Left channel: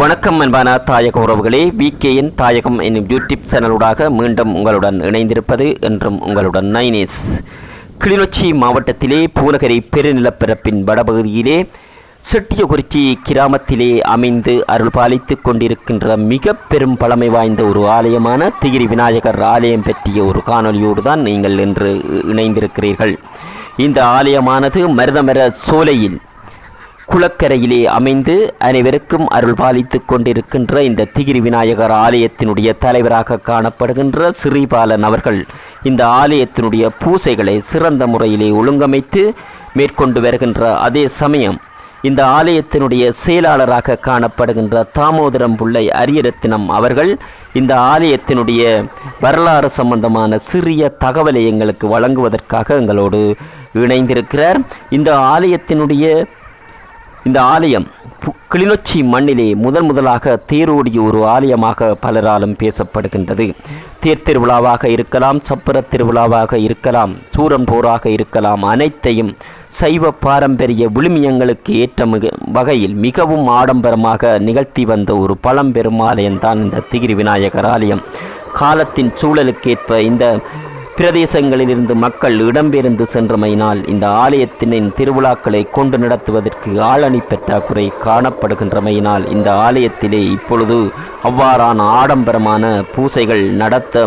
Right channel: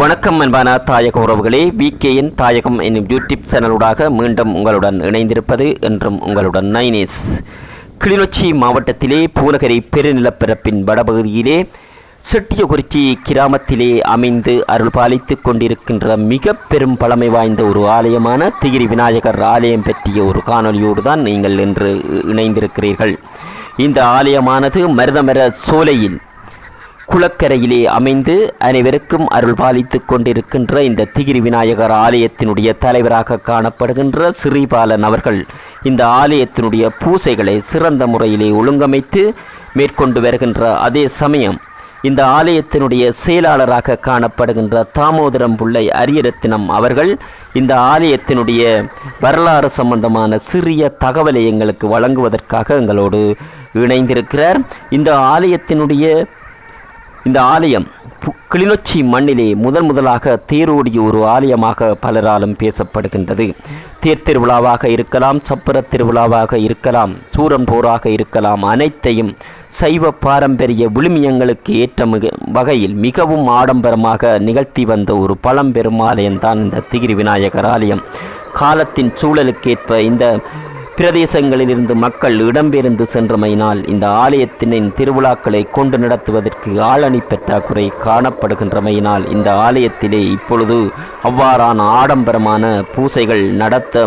வணக்கம் அன்பான தாயக உறவுகளே, விகேஎன் தாயகம் என்னும் யூடியூப் சேனலூடாக மீண்டும் உங்களுடன் இணைந்திருப்பது என்றும் உங்களுடன் நைனேஸ். கிளிநொச்சி மாவட்டத்திலே பூநகரி பெருநிலப்பரப்பின் வடபகுதியிலே செட்டியகுறிச்சி கிராமத்திலே அமைந்து அருள் பாலித்துக் கொண்டிருக்கின்ற மிக பெரும் பழமை வாய்ந்த ஒரு ஆலயமான திகிரி விநாயகர் ஆலயம் பற்றிய ஒரு காணொலியோடு தான் நீங்கள் இன்று இணைந்திருக்கிறீர்கள். இந்த ஆலயமானது மருதமர சோலையில் குளக்கரையிலே அமைந்து அனைவருக்கும் அருள் பாலித்துக் கொண்டிருக்கின்ற இந்த திகிரி விநாயகர் ஆலயத்தினுடைய தலைவராக காணப்படுகின்ற ஸ்ரீபாலன் அவர்கள் இந்த ஆலயத்தினுடைய பூசைகளை சிறந்த முறையிலே ஒழுங்கமைத்து மேற்கொண்டு வருகின்ற அதே சமயம் இந்த ஆலயத்தினுடைய செயலாளராக காணப்படுகின்ற தாமோதரம் பிள்ளை அரியரத்தினம் அவர்கள் இந்த ஆலயத்தினுடைய வரலாறு சம்பந்தமான சிறிய தகவலை எங்களுக்கு வழங்குவதற்காக எங்களோடு இணைந்திருக்கிறார். இந்த ஆலயம் கிளிநொச்சி மண்ணிலே முதலாக தேரோடிய ஒரு ஆலயமாக பலராலும் பேசப்படுகின்றது. தேர் திருவிழாவாக இருக்கலாம், சப்பர திருவிழாவாக இருக்கலாம், சூரன் போராக இருக்கலாம், அனைத்தையும் சைவ பாரம்பரிய விழுமியங்களுக்கு ஏற்ற வகையில் மிகவும் ஆடம்பரமாக நிகழ்த்தி வந்த ஒரு பழம்பெரும் ஆலயம்தான் இந்த திகிரி விநாயகர் ஆலயம். காலத்தின் சூழலுக்கேற்ப இந்த பிரதேசங்களிலிருந்து மக்கள் இடம்பெயர்ந்து சென்றமையினால் இந்த ஆலயத்தின் திருவிழாக்களை கொண்டு நடத்துவதற்கு ஆளணி பற்றாக்குறை காணப்படுகின்றமையினால் இந்த ஆலயத்திலே இப்பொழுது அவ்வாறான ஆடம்பரமான பூசைகள் நடத்த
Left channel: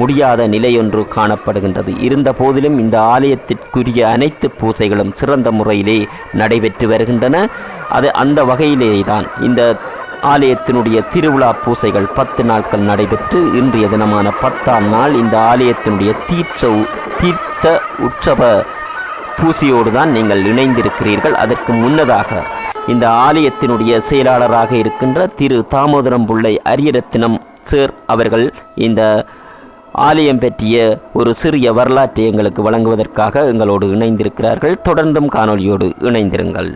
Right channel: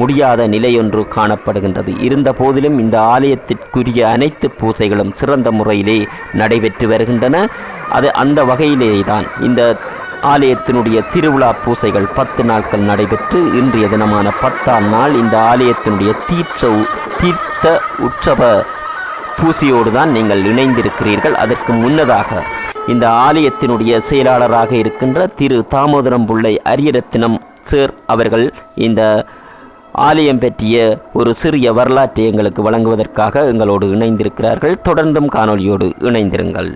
முடியாத நிலையொன்று காணப்படுகின்றது. இருந்த போதிலும் இந்த ஆலயத்திற்குரிய அனைத்து பூசைகளும் சிறந்த முறையிலே நடைபெற்று வருகின்றன. அந்த வகையிலே தான் இந்த ஆலயத்தினுடைய திருவிழா பூசைகள் 10 நாட்கள் நடைபெற்று இன்றைய தினமான 10ஆம் நாள் இந்த ஆலயத்தினுடைய தீர்த்த உற்சவ பூசையோடு தான் நீங்கள் இணைந்திருக்கிறீர்கள். அதற்கு முன்னதாக இந்த ஆலயத்தினுடைய செயலாளராக இருக்கின்ற திரு தாமோதரம் பிள்ளை அரியரத்தினம் சார் அவர்கள் இந்த ஆலயம் பற்றிய ஒரு சிறிய வரலாற்றை எங்களுக்கு வழங்குவதற்காக எங்களோடு இணைந்திருக்கிறார்கள். தொடர்ந்தும் காணொலியோடு இணைந்திருங்கள்.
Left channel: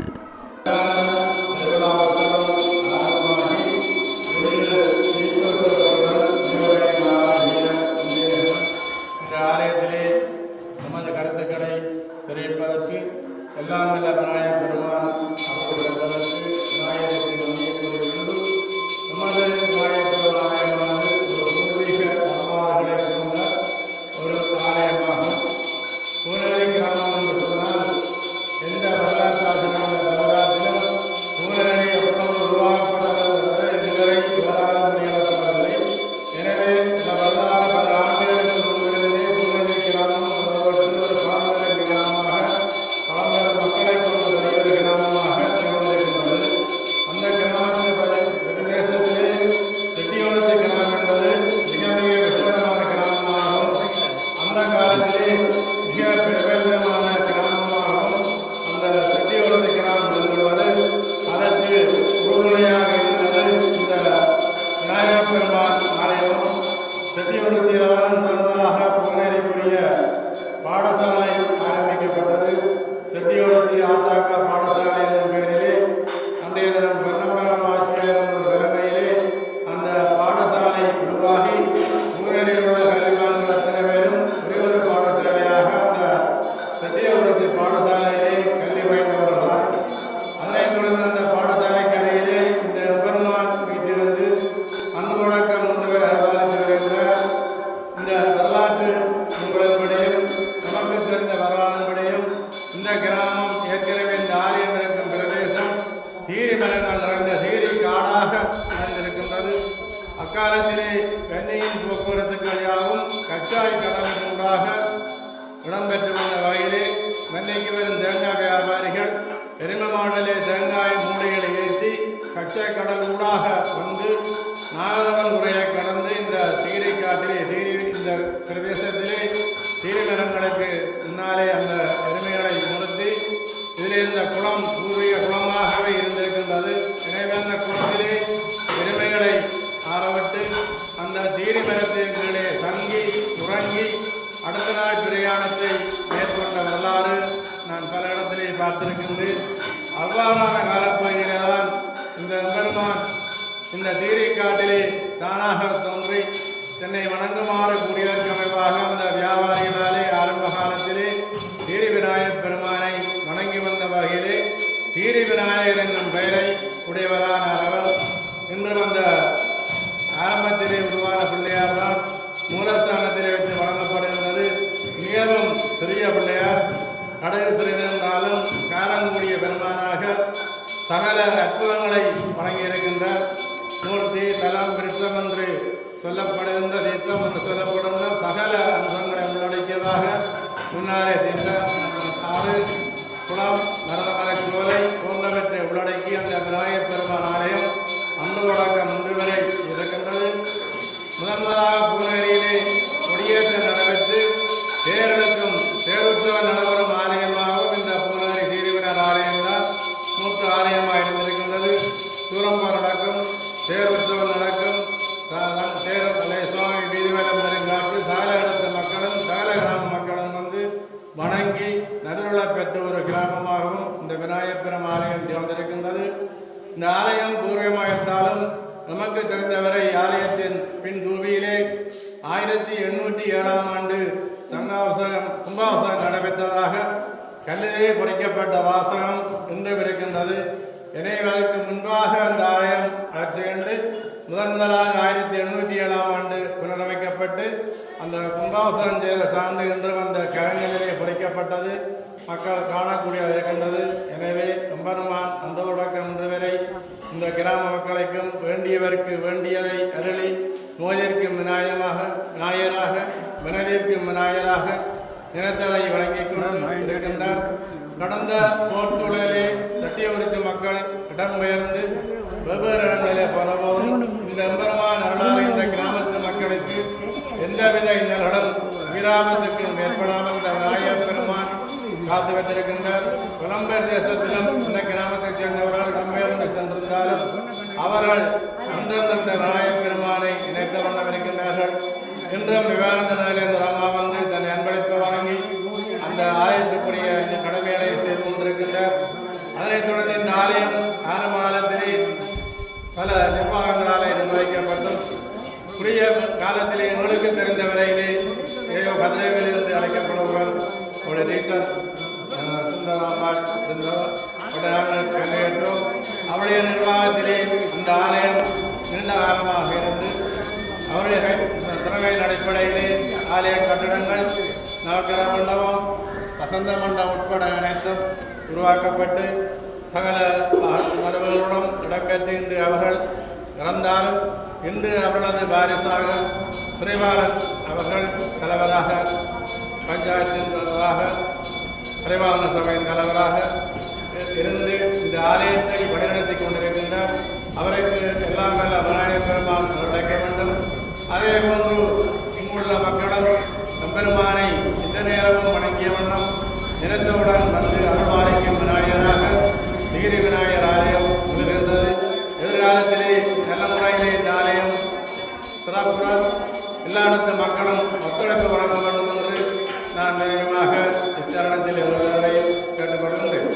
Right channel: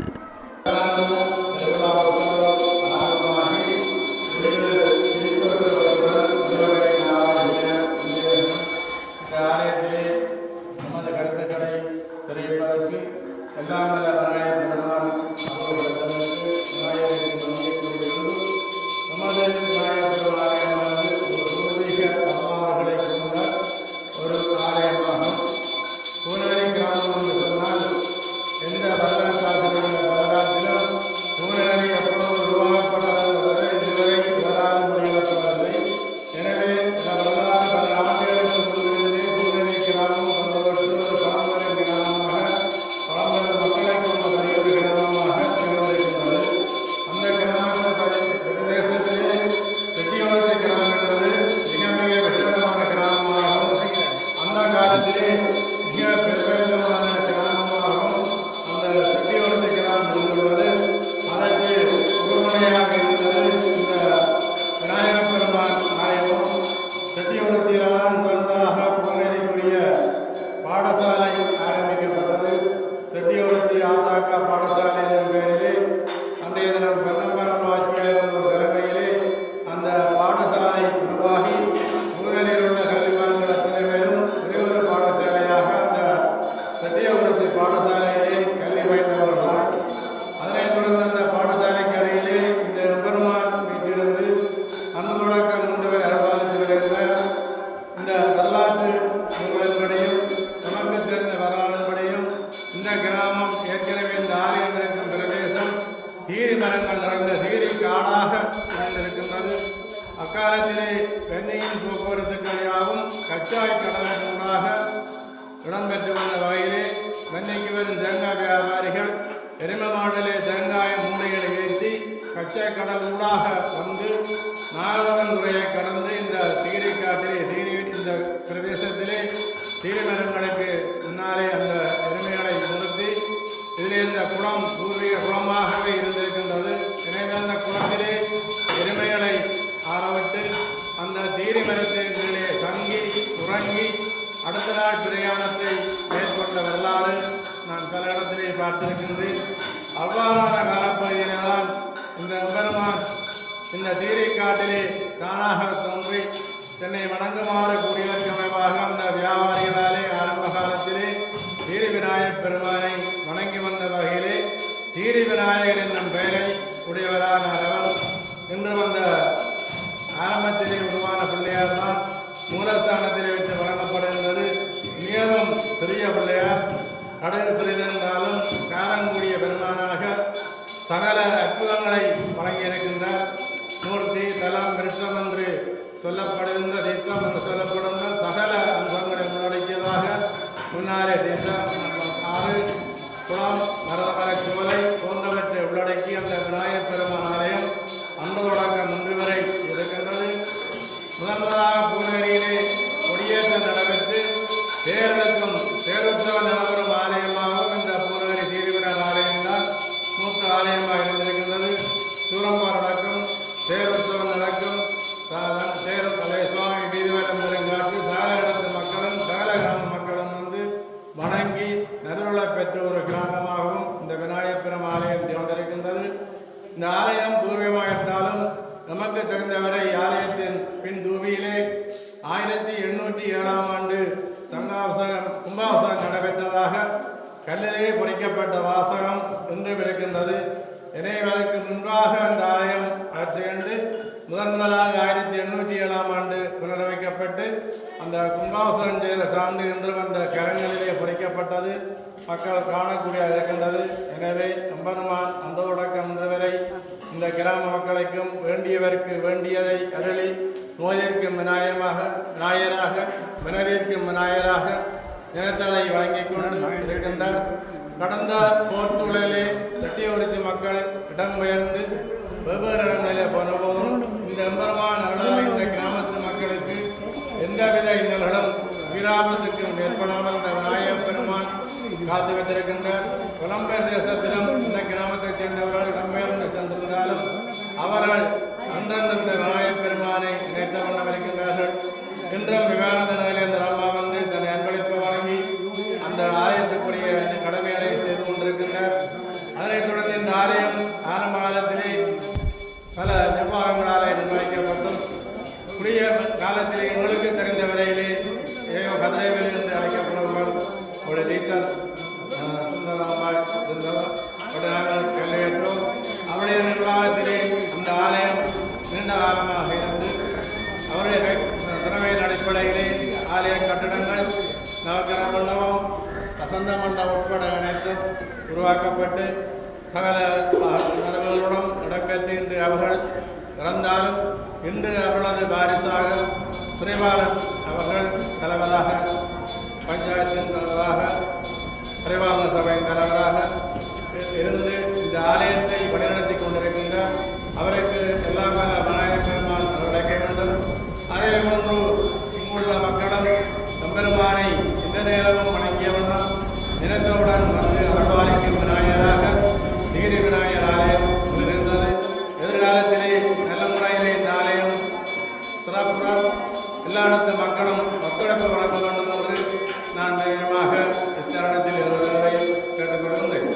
அக்காலத்திலே வெண்ணையின் போக்குவரத்துக்கு வழியாகவும் கச்சாய் கடலூடாக இடம்பெற்று வந்த வகையிலே வெண்ணைக்கு வரும் தேங்காய் வியாபாரிகள் எருமை மாடலே தேங்காய் மூடைகளை ஏற்றி கச்சாய் கடல் ஊடாக வந்து நாகவன் துறையை கடந்து இந்த திகிரி காட்டிலே இந்த பிரதேசத்திலே தீரி மரங்களுக்கு முன்னாலே அந்த எருமைகளை நிறுத்தி இதில் இந்த குளம் பூர்வீக குளமாகவே இருந்திருக்கின்றது. எனவே அந்த குளத்திலே எருமைகளை ஆரவிட்டு அந்த தீரி மரத்தின் கீழே தங்கி உறங்கி அடுத்த நாள் பிரயாணத்தை மேற்கொண்ட வரலாறு நான் பல இடத்திலே பார்த்திருக்கின்றேன். அவ்வாறான காலப்பகுதியிலே தான் இந்த எம்பெருமான் இந்த தீரிக்காட்டிலே தானாக தோன்றி தன்னை வணங்குமாறு கூடியதற்கு அமைவாக அந்த வியாபாரிகளாலே ஆரம்ப காலத்திலே தீரி விநாயகர் பெருமானை வணங்கி வந்த வகையிலே தீரி விநாயகர் என்னும் பெயரை உடையவரான அவர் வயது சிறிதென்றாலும் காரங்கூடிய பெருமானாக சகல அற்புதங்களை வழங்கியிருக்கின்றார். மூர்த்தி தலம் விருட்சம் என்று சொல்லப்படுகின்ற தீர்த்தம் என்று சொல்லப்படுகின்ற சகல அம்சங்களை உள்ளடக்கியதாக முன்னாலே தீர்த்தம் ஆறு குளம் மரதமர சோலை போன்றவற்றை உள்ளடக்கி அந்த விநாயகப் பெருமான் ஆலயம் அந்த தொடக்கம் இன்று வரை இருக்கின்றது. முதலாக பூநகரியிலே கொடியேற்றம் நடைபெற்று தேரெடுக்கும் தேருற்சவ நடைபெறும் ஆலயமாகவும் இந்த பூநகரி சீரிவிடர் ஆலயம்தான் மூத்த ஆலயமாக இருந்திருக்கின்றது. சூரம்பார் நடக்கும் தேருற்சவம் நடக்கும் தேரை சுவாமி நீதிமன்றம் பெருங்காட்டு சால இடத்து மக்களும் சால கிராம மக்களும் வந்து வணங்கி நல்வள பெற்ற ஒரு கிராமமாகவும் இந்த விநாயகப் பெருமான் ஆலயம் திகழ்ந்திருக்கின்றது. இந்த ஆலயம் பூர்வமாகத்தாலும் நமக்கு தெரிந்தவரை ஆலயத்தின் பின் தூபியிலே 1807ஆம் ஆண்டு கும்பாபிஷேகம் நடைபெற்றதாக கல்லிலே பொறிக்கப்பட்ட வாசகம் இன்றும் இருக்கின்றது. எனவே அதற்கு முன்பாக அந்த ஆலயம் அகற்றிக்கொண்டு முதலாக 1807ஆம் ஆண்டு புனரமைக்கப்பட்டு அந்த கும்பாபிஷேகம் செய்த சார்ந்து இன்றும் அந்த கரங்களிலே பொறிக்கப்பட்டது மக்கள் காணக்கூடியதாக இருக்கின்றது. எனவே எம்பெருமான் அந்த தொடக்கம் இன்று வரை இந்த கிராம மக்களுக்கும் வேண்டியவருக்கு வேண்டியதை அருளி நோயிற்கும் விநாயகராக வினவிற்கும் விநாயகராக நினைத்ததை வழங்கிக் கொண்டு இருக்கின்றார். கடந்த போர்ச்சூழலிலே செட்டியவருக்கு மக்கள் இடம்பெயர்ந்து வெவ்வேறு இடங்களிலே போன போதும் இந்த எம்பெருமான் அருளால் இந்த கிராமத்து மக்களுக்கு எந்தவித இன்னல்களும் விராமத்துக்கும் ஏற்படாமல் இந்த விநாயகப் பெருமான் காத்து வைத்திருக்கின்றார். புலம்பெயர் தேசத்திலும் இந்த கிராமத்தைச் சேர்ந்தவர்கள் இடம்பெயர்ந்து சென்றிருந்தாலும் அவர்கள் அந்தந்த விநாயகப் பெருமானை நினைத்த வண்ணம் இருக்கின்றார்கள். இன்றும் விவானந்த நிலையந்த ராமா வந்து தன்னை அன்பளிப்பு வழங்கி அந்த ஆலயத்துக்குரிய கடமைகளை செய்து கொண்டிருக்கின்றார். அதனைத் தொடர்ந்து இந்த ஆலயம் ஆரம்பகாலத்திலே பல நிர்வாகங்களாலே நிர்வகிக்கப்பட்டும் குறுகிய காலத்திலே எங்களுக்கு தெரிந்த வரையிலே கதிரேவில் இருந்து அழைக்கப்படுபவர் அவருடைய ரீசர் சுந்தராம்பாள் இருந்தவர் நாங்கள் கண்டிருக்கிறோம். அவருடைய நிர்வாகத்திலே அந்த ஆலயம் நீண்ட காலமாக இருந்து அவருடைய திறமையின் அடிப்படையிலே ஆலய கட்டிடங்கள் நவக்கர மண்டபம் வசந்த மண்டபம் உட்பட அனைத்தும் உருவாக்கப்பட்டு சகல நடுவர்களுடன் இடம்பெற்று இன்று அவர்கள் இறந்தாலும் இன்று அவர்களது வாரிசாக பிரிவாளன் அவர்கள் தலைவராக பஞ்சாயத்தின் தலைவராக பரிவாரண சபையின் தலைவராக இருந்து இந்த ஆலயத்தை வழிநடத்தி கொண்டிருக்கின்றார். அவருக்கு எல்லாம் வல்ல விநாயகப் பெருமான் கிடைக்க வேண்டும். அதே போன்று இங்குள்ள மக்களும் எம்பெருமானை இந்த நேரமும் வணங்கிய வண்ணம் நினைத்தவுடன் வந்து அருள்பாலிக்கும் விநாயகராக நீதி விநாயகர் ஆலயம் இருந்தது. எதிர்காலத்திலே நல்ல முறையிலே இந்த ஆலயம் சிறப்புடன் எல்லா இடத்து மக்களும் ஒத்துழைப்பு வழங்க வேண்டும் என்று நான் நிச்சயமாக இத்தருணத்தில் இருவரையும் கேட்டுக்கொள்கின்றேன்.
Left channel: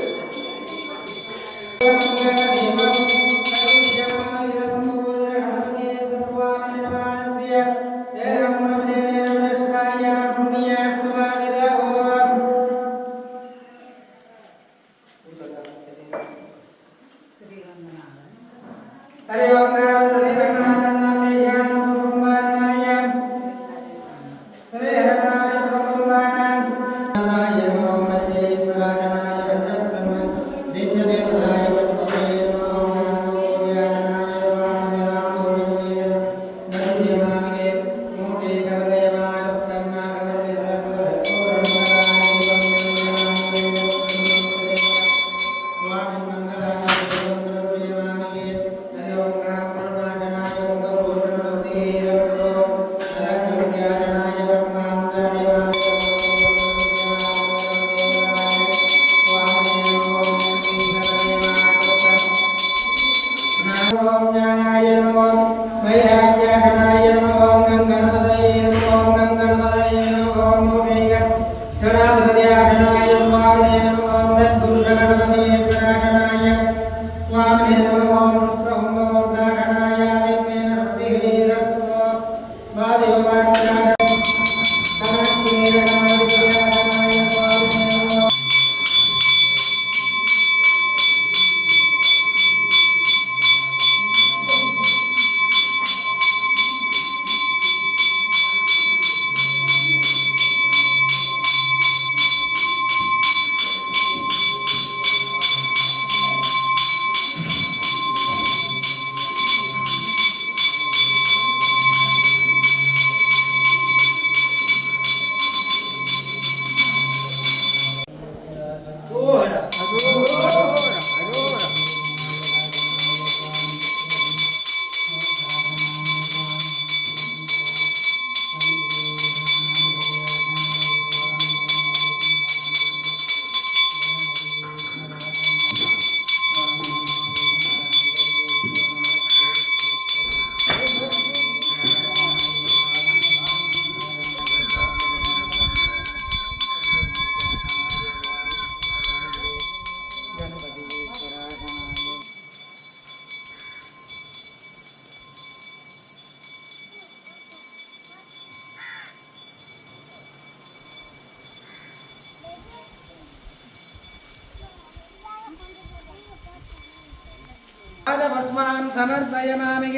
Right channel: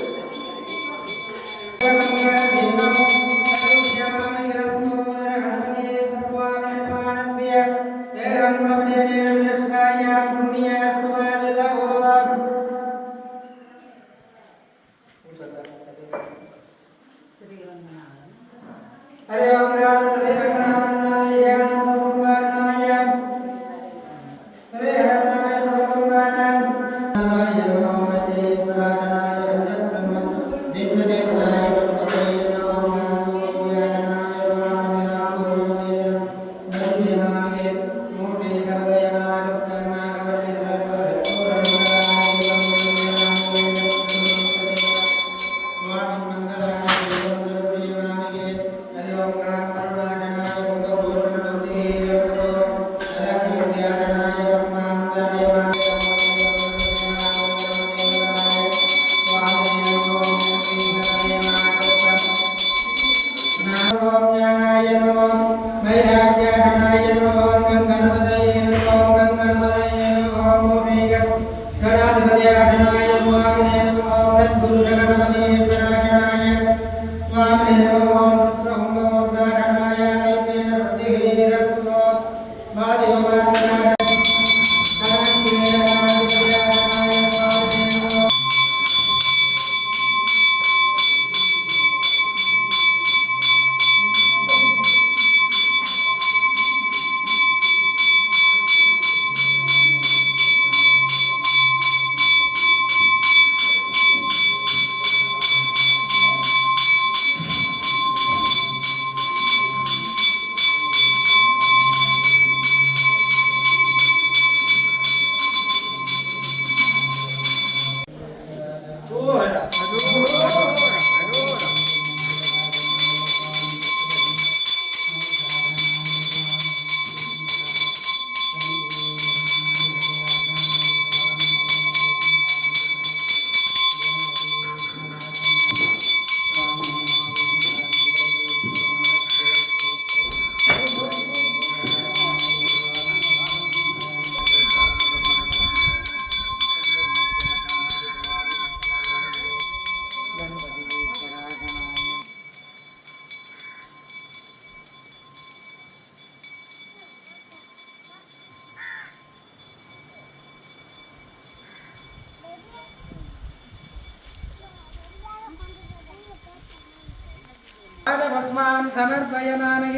पुष्पान् समर्पयामि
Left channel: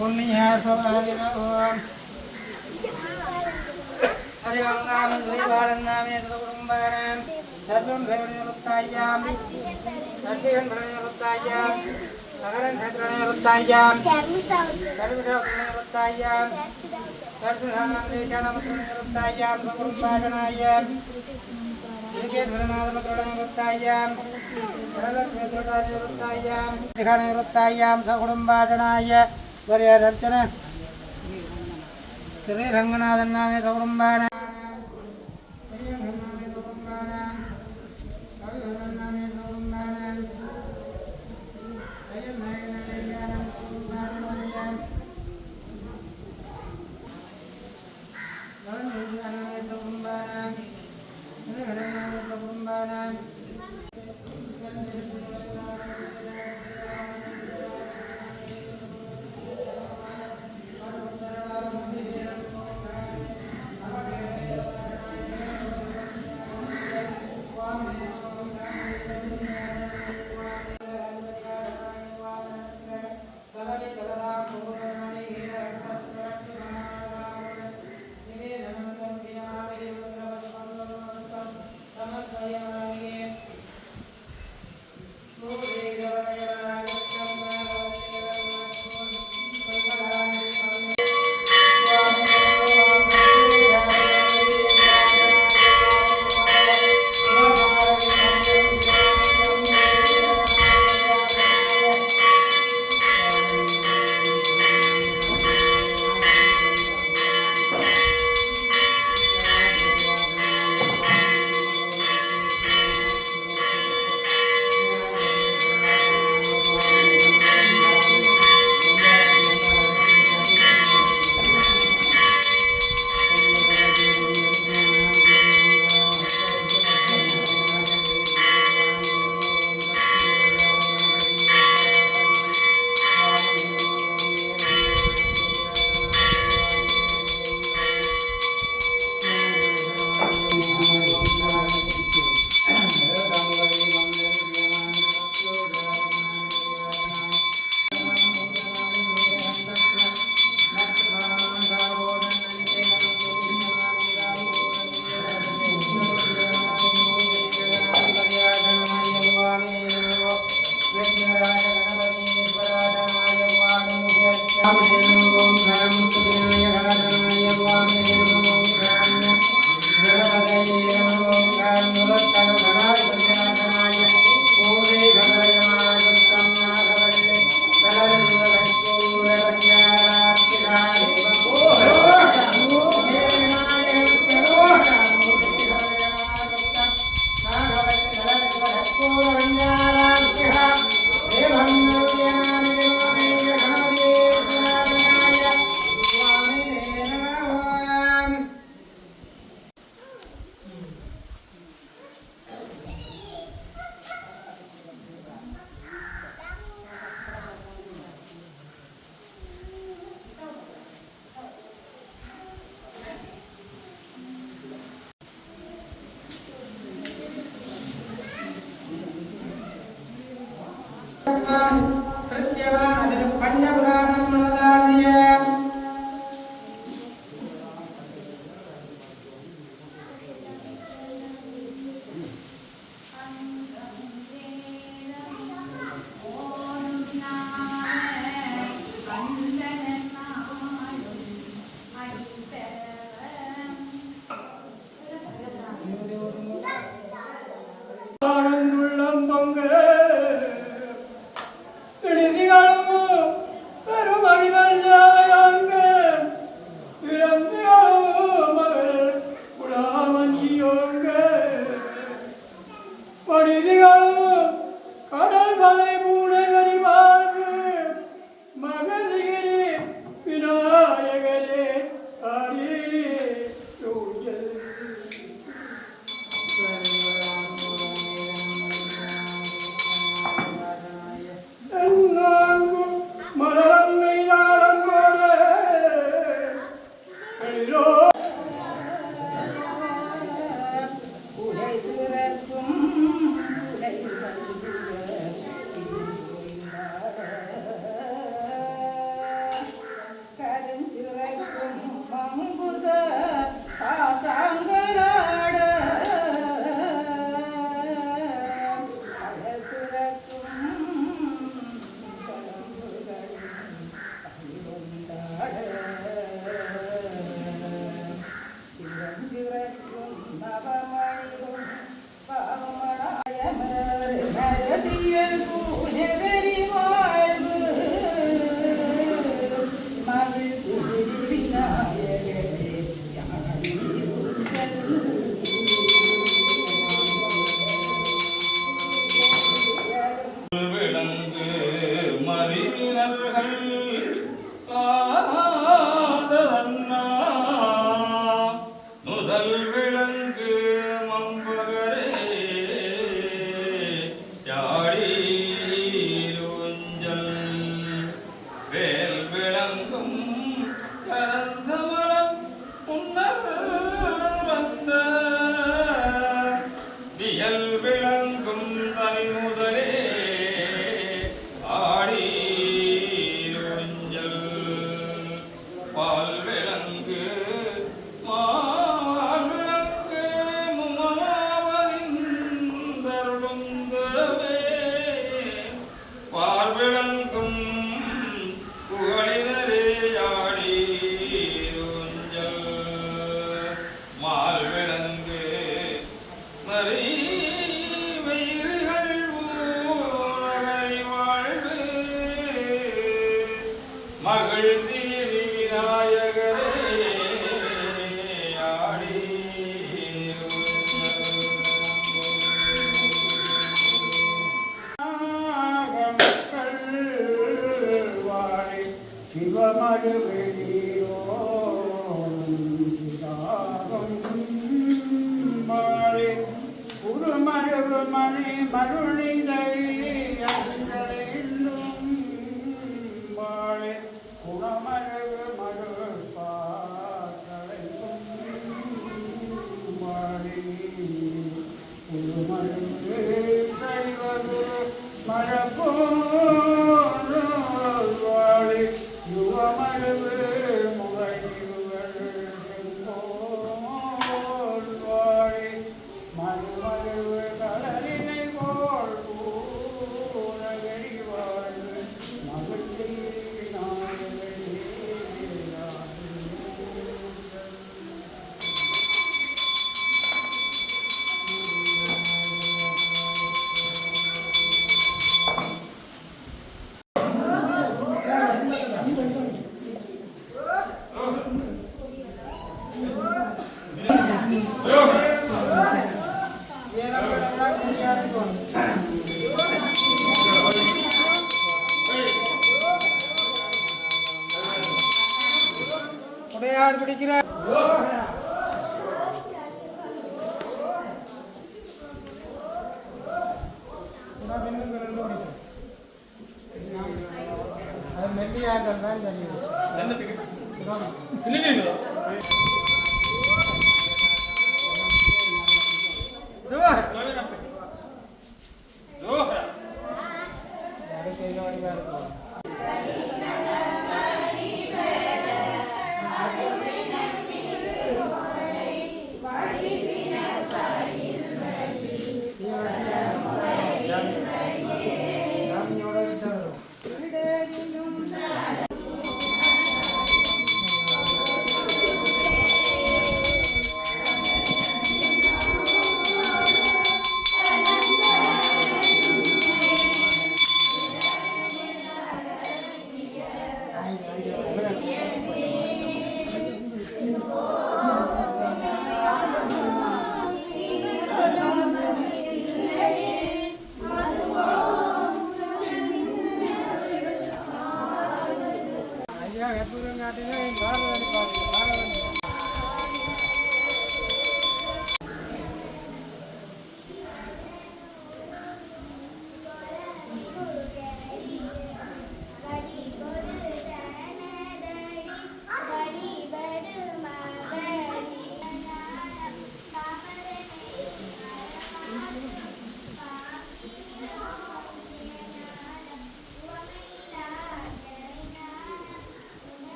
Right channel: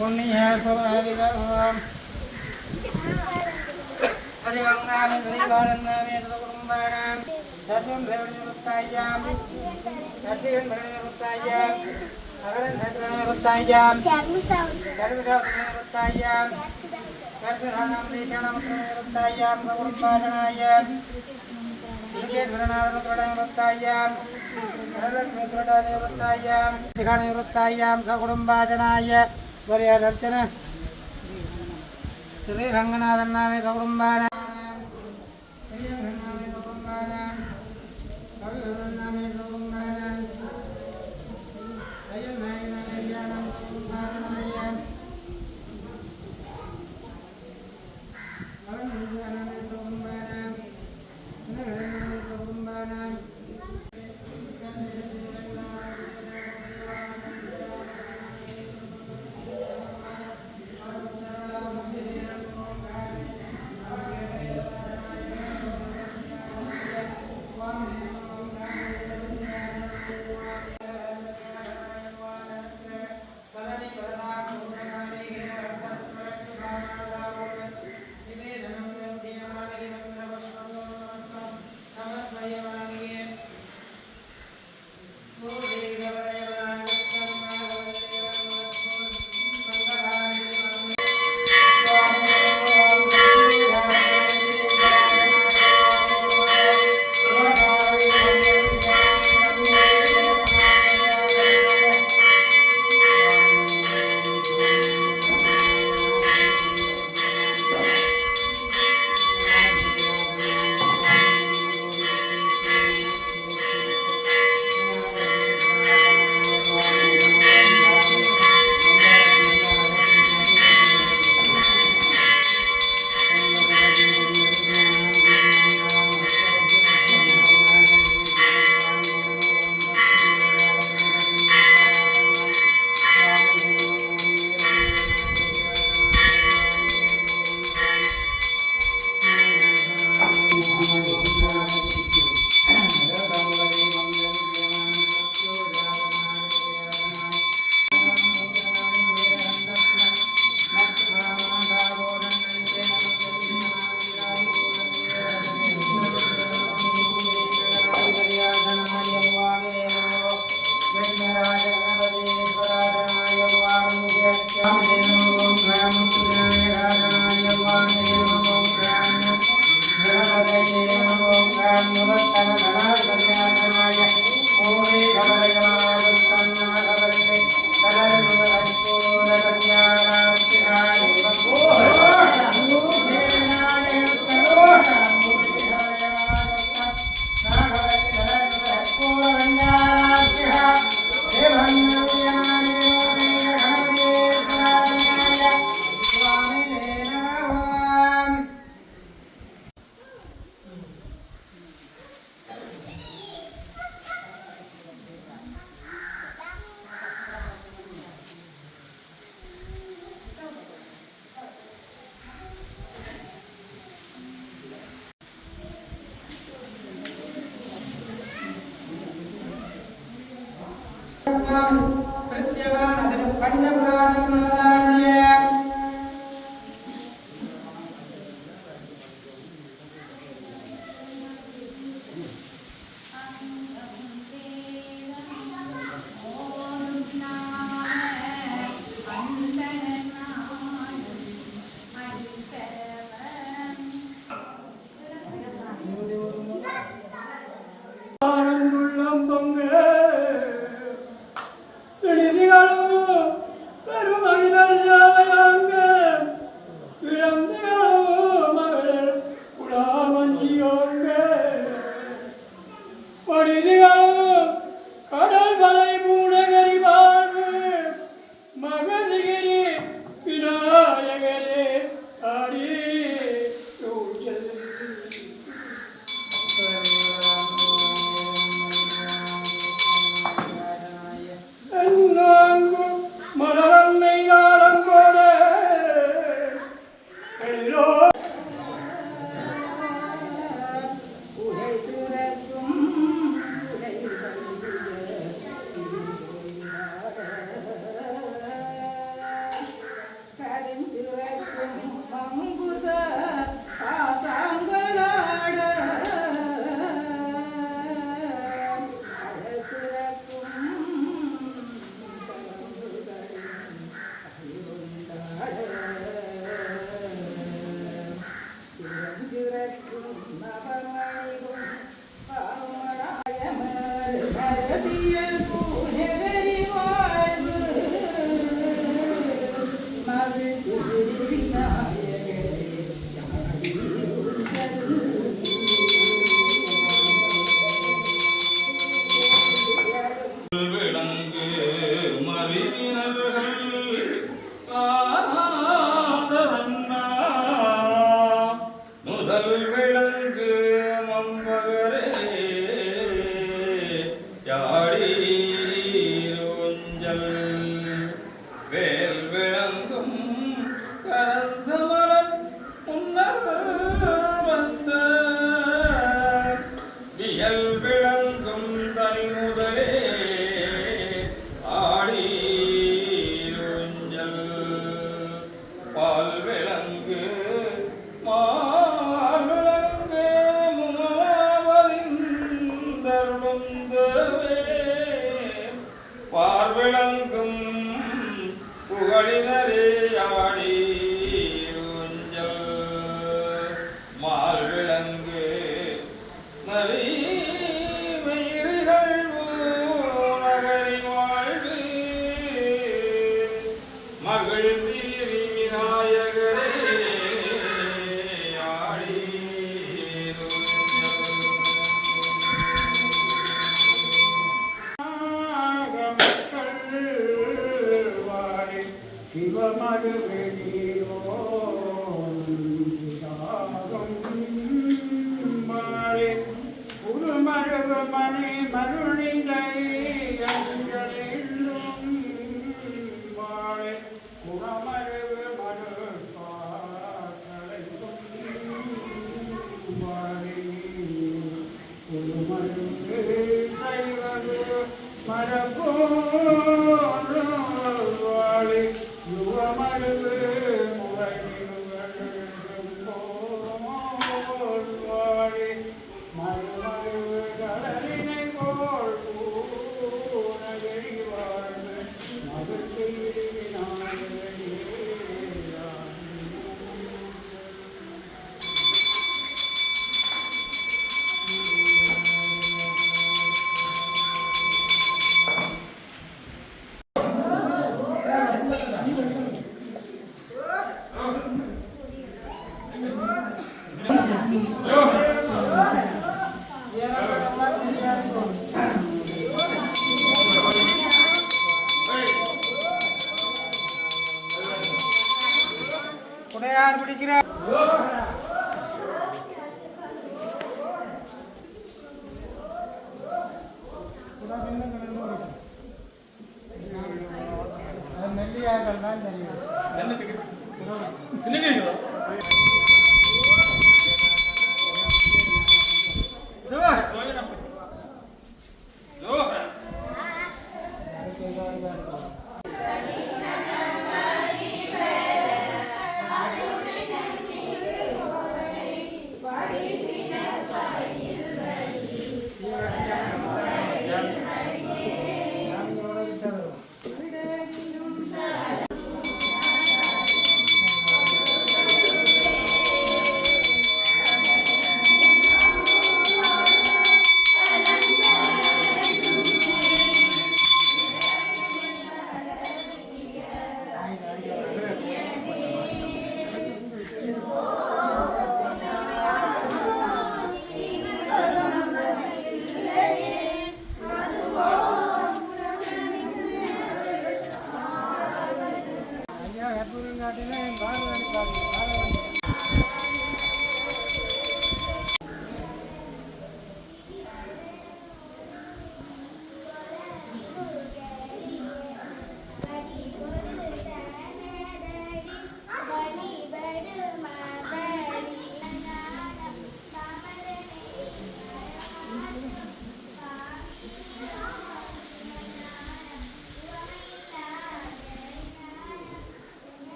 पुण्य ரங்கநாதன் நாமே குடும்பான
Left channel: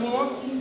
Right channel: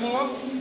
சண்முகம்